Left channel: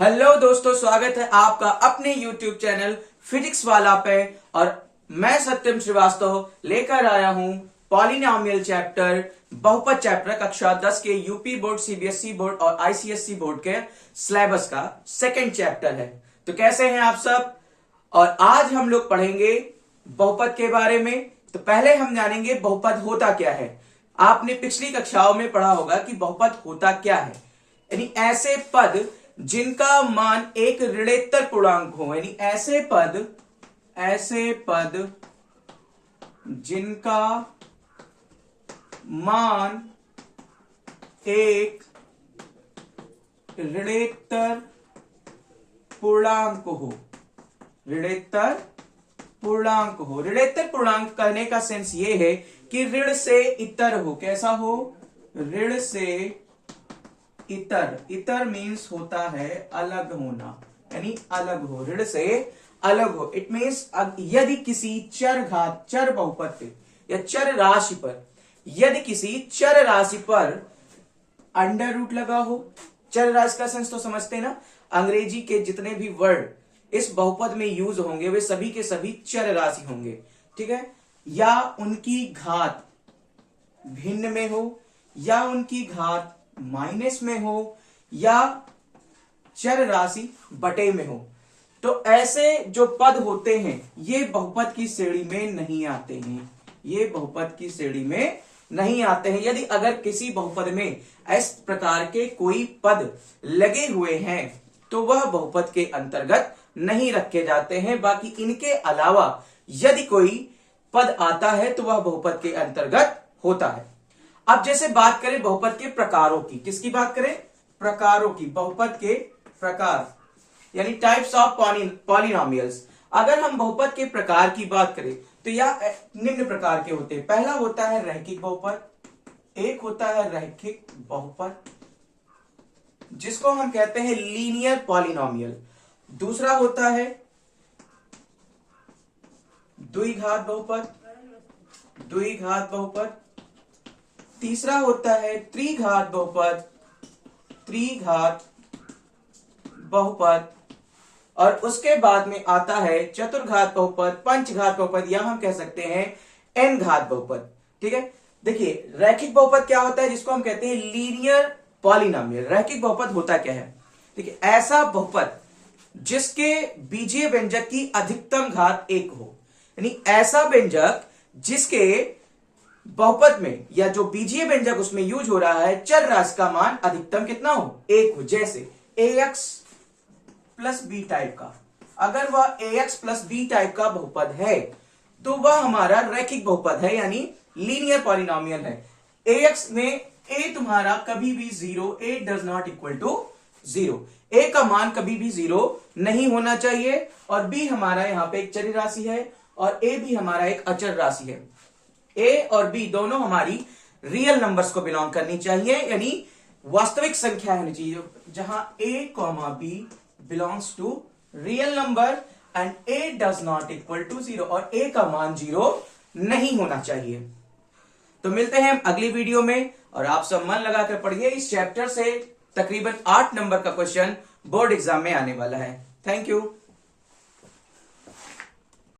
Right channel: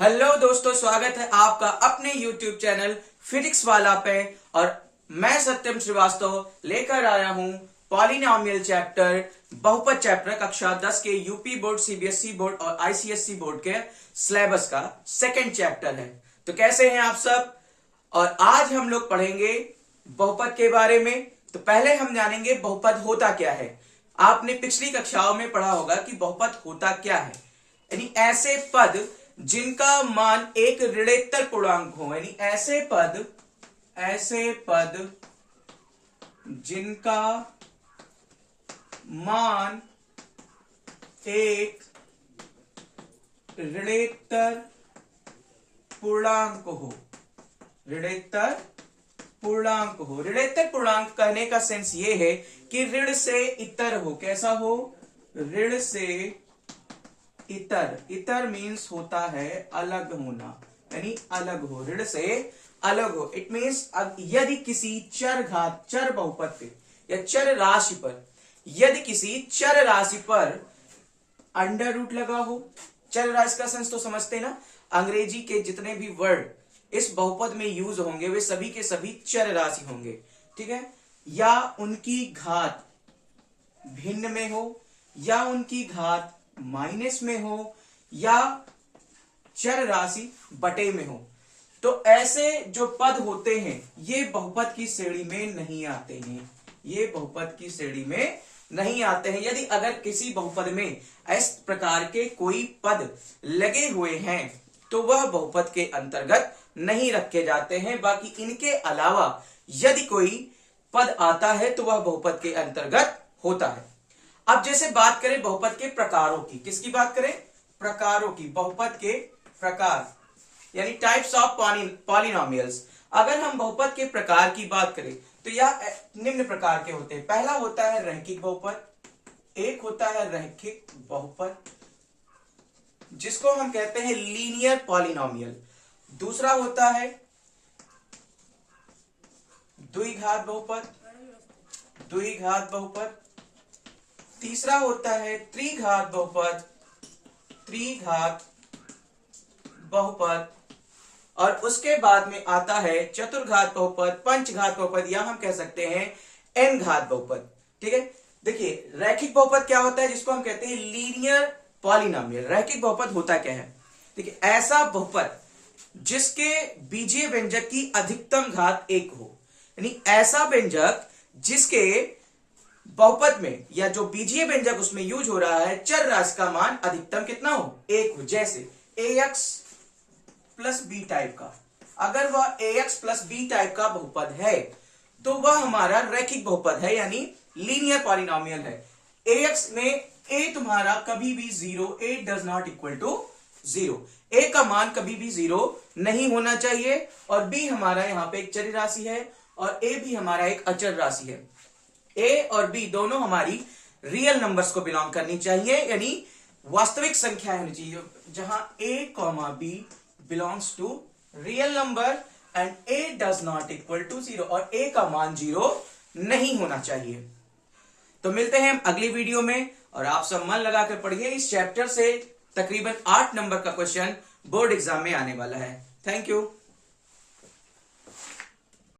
Hello दोस्तों, स्वागत है आपका अपने YouTube चैनल फिजिक्स वाला पे। और मैं सत्यम श्रीवास्तव लेकर आया हूं पॉलिनोमियल चैप्टर, बहुपद चैप्टर कक्षा 10 के यूपी बोर्ड, सीबीएसई बोर्ड और आईसीएसई बोर्ड के सिलेबस का सेकंड चैप्टर है। तो कैसे हैं आप सब? और आज हम लोग पढ़ेंगे बहुपद के बारे में। तो पहले हम जानेंगे बहुपद होता क्या है। आपने पिछली कक्षाओं में पढ़ा होगा कि बहुपद होता क्या है, यानी ऐसे पद जिनका मान एक ऋणोत्तर पूर्णांक हो, यानी ऐसे पद जिनका मान एक ऋणोत्तर पूर्णांक हो। ऋणोत्तर पूर्णांक कहने का सेंस ये है कि ऋण से इतर हो। कैसा हो? ऋण से इतर मीन्स होता है अलग होना, यानी अलग हो, ऋण से अलग हो। इट मीन्स यदि किसी चर बहुपद पे या चर राशि पर, यदि किसी चर राशि पर अंडर रूट लगा हो। चर राशि का सेंस तो समझते हैं ना, अंग्रेजी के जितने भी वर्ड इस बहुपद में यूज होंगे वे सभी के सभी चर राशि होंगे, ठीक है। या उनकी घात भिन्न में हो, या उनकी घात माइनस में हो, या चर राशि बटे में हो। तो ऐसे जो पद होते हैं ये बहुपद की श्रेणी में नहीं आते हैं, ये बहुपद की श्रेणी में नहीं आते हैं। यदि अगर किसी बहुपद में इस प्रकार के कोई पद लगे हुए हैं तो वह बहुपद के अंतर्गत नहीं रखे जाते हैं। बाकी इनके अलावा यदि कोई पद आता है तो वह बहुपद के अंतर्गत होता है। अब जैसे बात करें बहुपद के प्रकारों की, किसकी बात करें? प्रकारों की, बहुपद के प्रकार यानी टाइप्स ऑफ पॉलिनोमियल्स। अगर हम बहुपद के प्रकार की बात करें तो यह निम्न प्रकार के होते हैं। पहला होता है रैखिक बहुपद, एक होता है रैखिक बहुपद जिसको हम कहते हैं लीनियर पॉलिनोमियल। दूसरा होता है द्विघात बहुपद। तीसरा होता है त्रिघात बहुपद। और उसके बाद में आता है चतुर्घात बहुपद, पंचघात बहुपद, या हम कह सकते हैं एन घात बहुपद, ठीक है। देखिए रैखिक बहुपद क्या होता है, जिसको हम कहते हैं लीनियर पॉलिनोमियल। रैखिक बहुपद होता क्या है? देखिए ऐसा बहुपद जिसके बीजीय व्यंजक की अधिकतम घात 1 हो, यानी ऐसा व्यंजक जिसके बहुपद में या जो बीजीय व्यंजक उसमें यूज हो रहा है चर राशि का मान अधिकतम कितना हो? 1 हो। जैसे ax प्लस बी टाइप का, अगर वह ax प्लस बी टाइप का बहुपद है तो वह हमारा रैखिक बहुपद है, यानी लीनियर पॉलिनोमियल है। ax में a तुम्हारा कभी भी 0, a does not equal to 0, a का मान कभी भी 0 नहीं होना चाहिए। और b हमारा यहां पे एक चर राशि है और a भी हमारा एक अचर राशि है। a और b दोनों हमारी रियल नंबर्स को बिलोंग करनी चाहिए, यानी वास्तविक संख्या होनी चाहिए, जहां a, b belongs to real number and a does not equal to 0, और a का मान 0 नहीं होना चाहिए। तो मिलते हैं हम अगली वीडियो में, और आप सब मन लगाकर पढ़िए। इस चैप्टर से तकरीबन 8 नंबर का क्वेश्चन बोर्ड एग्जाम में आने वाला है। Thank you.